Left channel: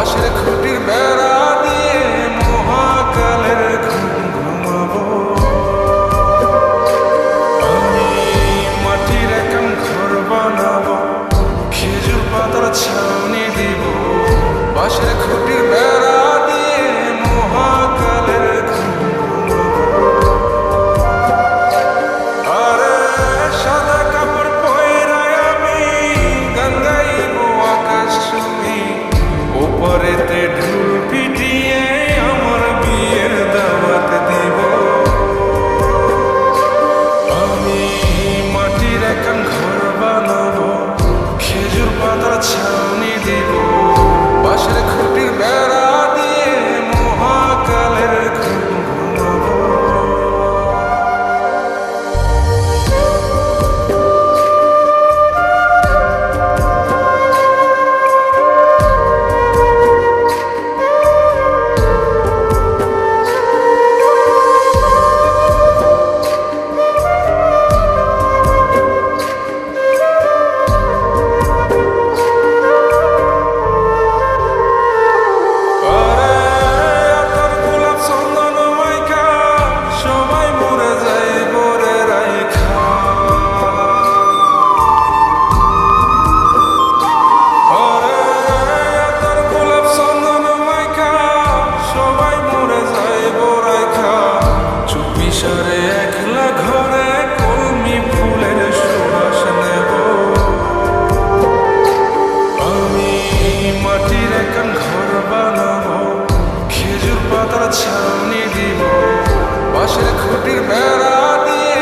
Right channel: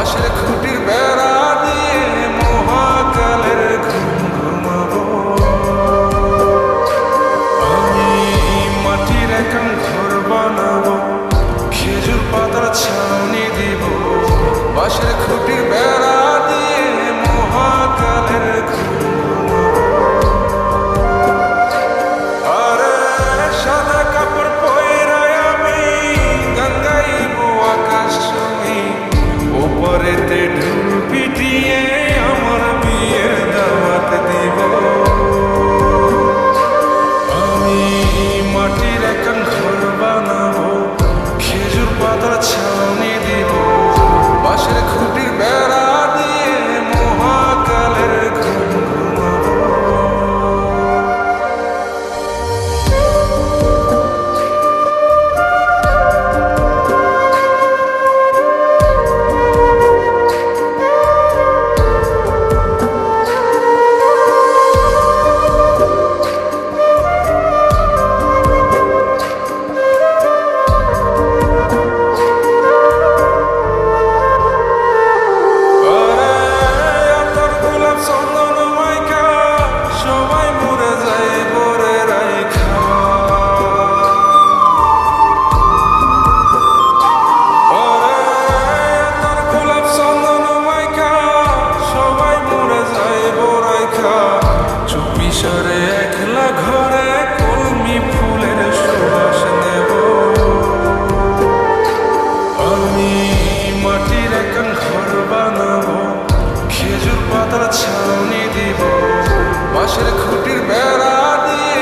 বাঁশের খুঁটির বেড়া দিয়ে মহাকালের ঘুম ঘুমাবো। আমি মাটির একান ঘর বানাবো, খেজুর পাতার ছাউনি দিব, বাঁশের খুঁটির বেড়া দিয়ে মহাকালের ঘুম ঘুমাবো। আরে সাদা কাপড় পয়রায় আমি গান গাইবো আকাশ চুমি, ওপরেতে ঢুল পিটিয়ে আমার বিয়ের দাওয়াত দিব। আমি মাটির একান ঘর বানাবো, খেজুর পাতার ছাউনি দিব, বাঁশের খুঁটির বেড়া দিয়ে মহাকালের ঘুম ঘুমাবো। চুপিসারে একলা ঘরে কলমি ফুলের সুবাস নেব। আমি মাটির একান ঘর বানাবো, খেজুর পাতার ছাউনি দিব, বাঁশের খুঁটির বেড়া দিয়ে